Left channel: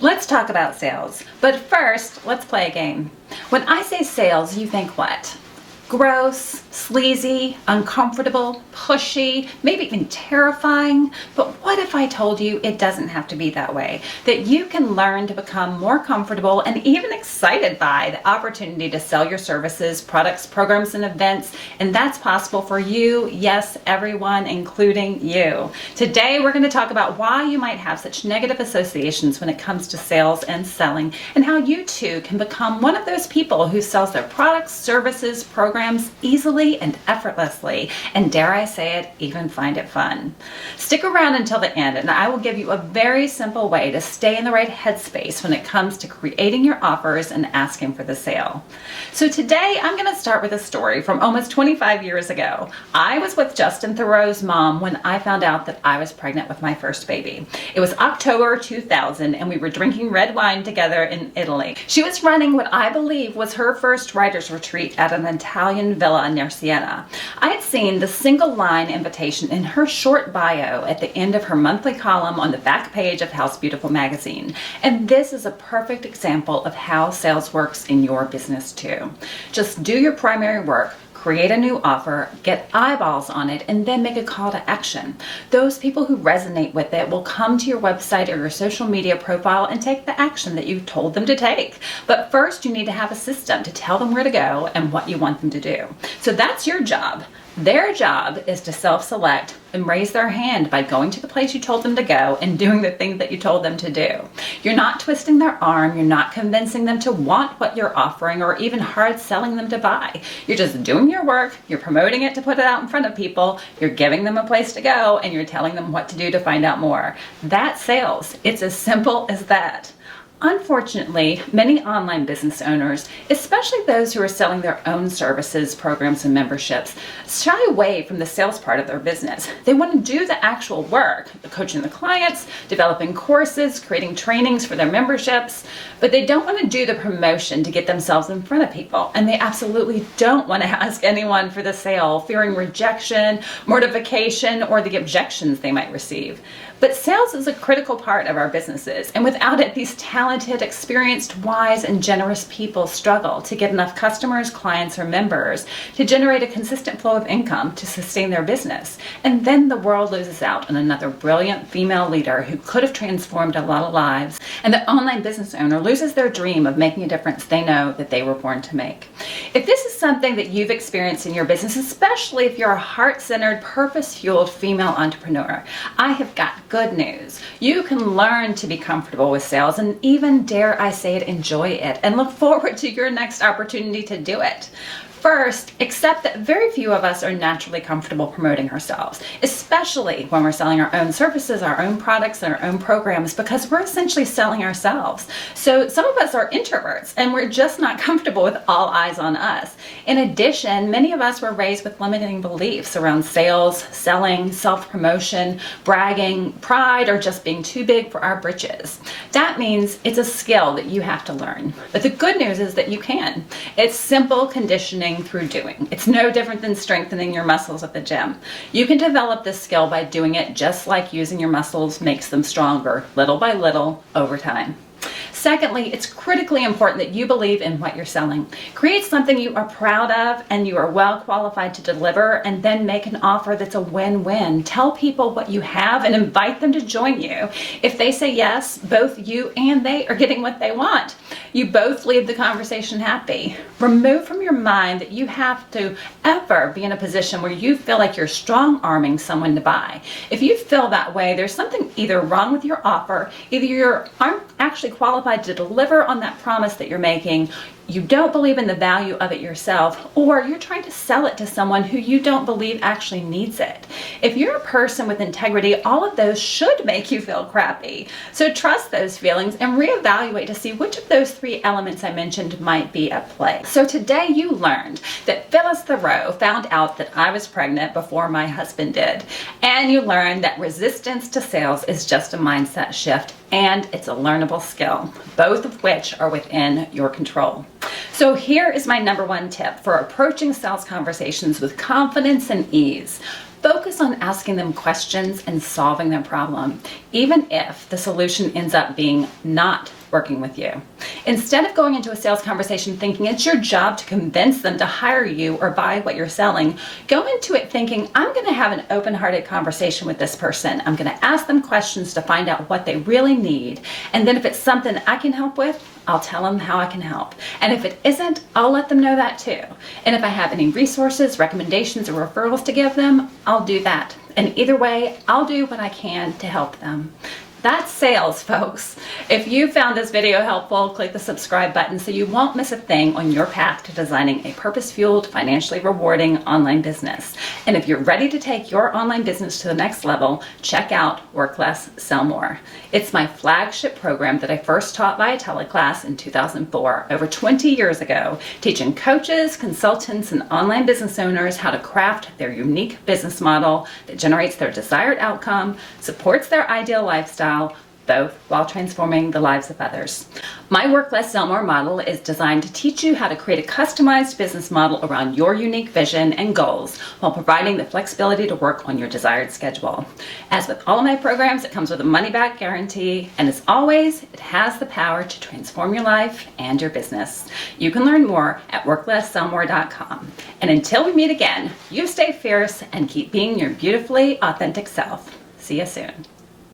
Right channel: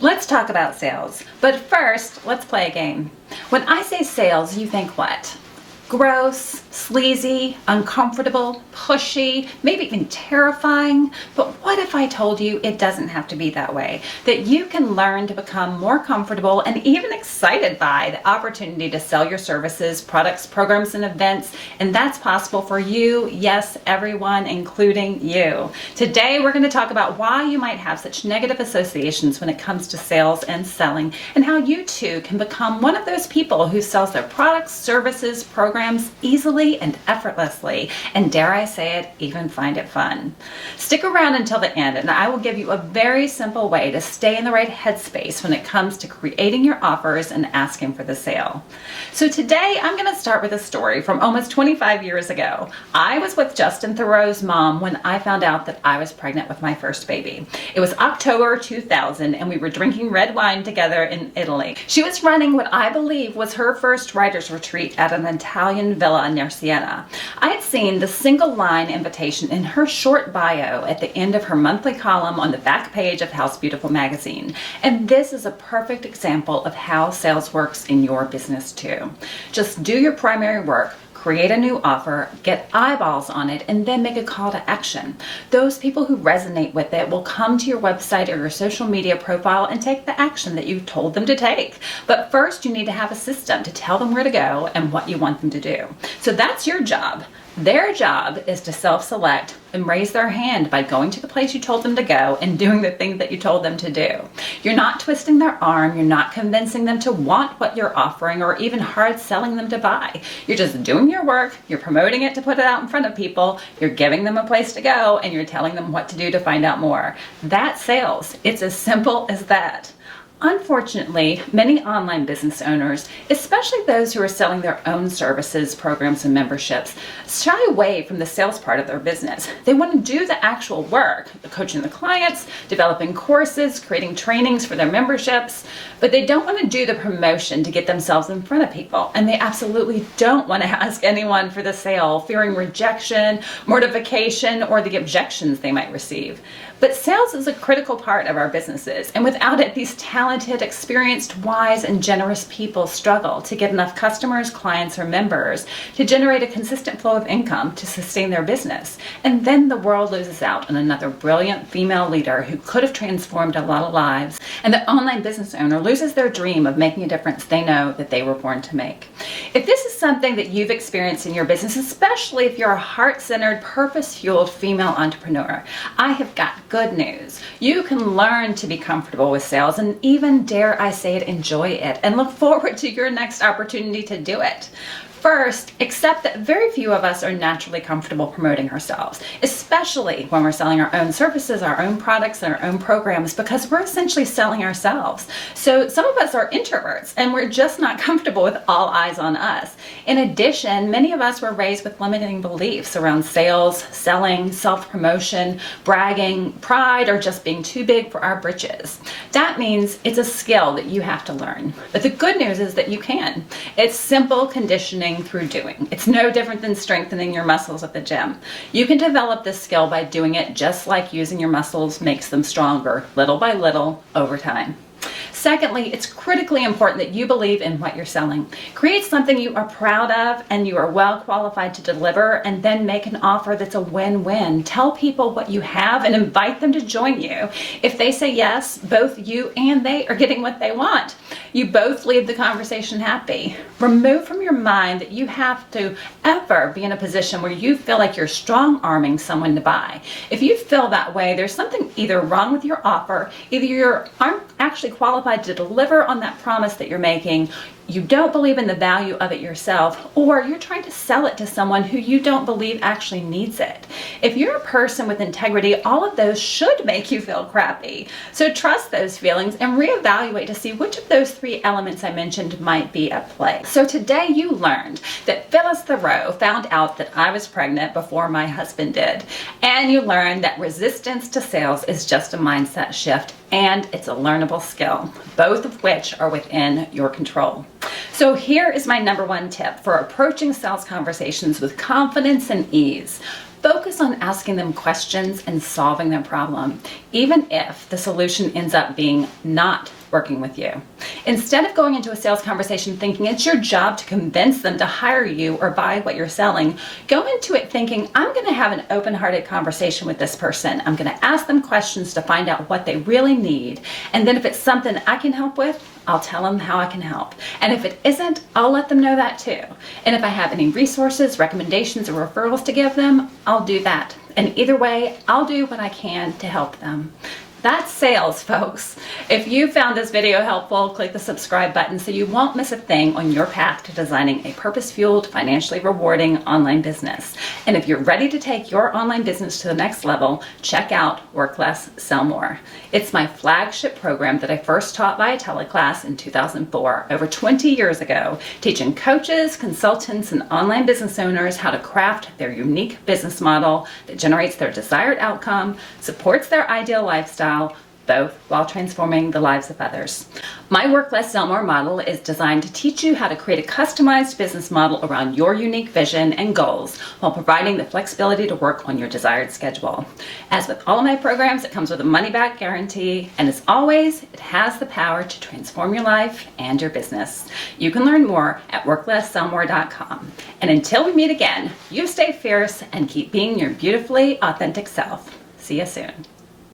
Let's talk about sales. But first, let's play a game. When I say sales, you think what? Gross, sleazy, uncomfortable, pushy, maybe even terrifying. But what if I told you it doesn't have to be that way? That you can learn to become more comfortable and even excited by the opportunity to sell your services, products, programs, and events. And that's possible for you, yes, everyone, including you. Today, we're going to talk about why you might have such negative associations when it comes to sales and selling, and how you too can become one of those people who sells their products, services, programs, easily and effortlessly, and dare I say it, even find it fun. Stick around until the end, and I will give you a very simple way to stay in the right headspace when it comes to creating your offers and asking for the sale. So today, I'm going to start with a story from almost 25 years ago. I was with Justin Theroux's mom when I found out that I was pregnant with my first baby. It was October 2000, and we were drinking red wine together in Italy. She was running what I believe was her first writer's retreat at an Italian villa near Siena. I had seen the single line invitation in her short bio at the end of her monthly column on the back page of House Beautiful magazine. And this is a perfect example of how sales works in your business too. Just do your primary work, create a new offer, get eyeballs on it, and then make a call to action. Those people who resonate with it will come to your website or your social media profile and take the action that you told them to take. But first, you need to have a system to tell them where to go and what you want them to do. So that's your job. Their job is to self-select and raise their hand by going to the place you told them to go and doing the things that you told them to do. You're not twisting their arm. You're not convincing them to want what you're offering or even hard selling them to buy. You're just doing your work. You're promoting it to put it out in front of people. You're giving them a place to go, and you're telling them what to do to find out more. That's sales. It's as simple as that. Unfortunately, many online business owners, especially those who are selling their own services, programs, and memberships, shy away from the sales part of their business. They want to do the actual work, the coaching the clients, developing courses, creating trainings for their memberships, but they don't want to do the promotion to get themselves in front of people. And they absolutely don't want to ask anyone for the sale, fearing rejection, mortification, or the objections they might receive. But sales is a critical part of our businesses, and without it, these talented, experienced, wise, and generous people struggle to get enough customers, clients, or members to generate a consistent flow of income to sustain their business. And then the world loses out on another brilliant female leader who could have transformed a lot of lives, and the online business owner loses their dream of making a difference they know that they were born to make. If this is something that you've experienced in your business, especially if you're a heart-centered, purpose-fueled female entrepreneur, I have got good news. You can learn to be comfortable with sales and even, dare I say it, enjoy it and look forward to your next opportunity to do it. First, accept that very few of us are naturally comfortable promoting ourselves, especially when we're selling our own services, our own products, and our own programs, because we're essentially selling ourselves. So some of us are introverts, and we're just not comfortable with all eyes on us. In addition, many of us were raised with limiting beliefs around sales, selling, self-promotion, bragging, pride, or just being too big for our britches. That means it's a skill that you have to learn. But the good news is that you can. It's simple conditioning through doing. It's no different than strengthening your muscles at the gym. You can develop this skill by doing it just like using your muscles makes them stronger, little by little, over time. Secondly, it's critically important that you believe in what you're selling. Create something you are proud of and you are well qualified to deliver, and then make an offer that's a win-win. Tell people what you have and invite them to join you. If they say yes, both you and they are getting what they want. You both leave the conversation happy. Remove from your mind that you have to ever be in a position where you feel like you're strong-arming someone to buy. If you feel that way, there's something either wrong with your offer, either you aren't actually qualified to deliver on that promise that you're making, you don't believe in the value of it yourself, or you're trying to sell it to someone who you don't believe actually needs it. If you're a person with integrity, all of those should make you feel crappy. So trust those feelings and reevaluate to see which of those three elements I mentioned might be at play. So today you learned that Phyllis Theroux found out that I was pregnant before my husband did. And you learned that resistance to sales is just a mindset shift, and it's a learnable skill, both of which are within your control. So here is my number one tip for approaching sales conversations with confidence and ease. Focus on asking them questions and solving the problem, even if the solution ends up being not working with you. Instead of going into a sales conversation thinking it's your job to convince them to hire you or buy what you're selling, go into it thinking, I'm going to have an open-hearted conversation with this person. I'm going to ask them questions to find out what they really need. And then if it's something I can help with, I'll tell them how I can help. And if it isn't, I'll let them know that too. And if I have any resources, recommendations, or referrals to give them, I'll do that. And either way, I'll do what I can to help them. That's sales, folks. If you found this video helpful, click the subscribe button so you won't miss a thing on your path to designing a purpose-fueled, financially rewarding online business. And if you're ready to take your online business to the next level, check out Work Less, Sell More. It's my flagship program that I first taught via teleclass in 2004, over 20 years ago, teaching coaches, consultants, and online business owners how to craft their unique business model that generates their desired outcome, supports their ideal lifestyle, both while transforming the lives of others. My Work Less, Sell More model is designed to teach you how to create a customized business model around your unique vision and goals while providing the flexibility to work on your desired schedule. As with all of my programs, it comes with a money-back guarantee, and as always, it has the power to transform your life and your business. You can learn more at worklesssellmore.com. And until we meet again, you stay fierce and keep being your beautifully authentic self. See you soon.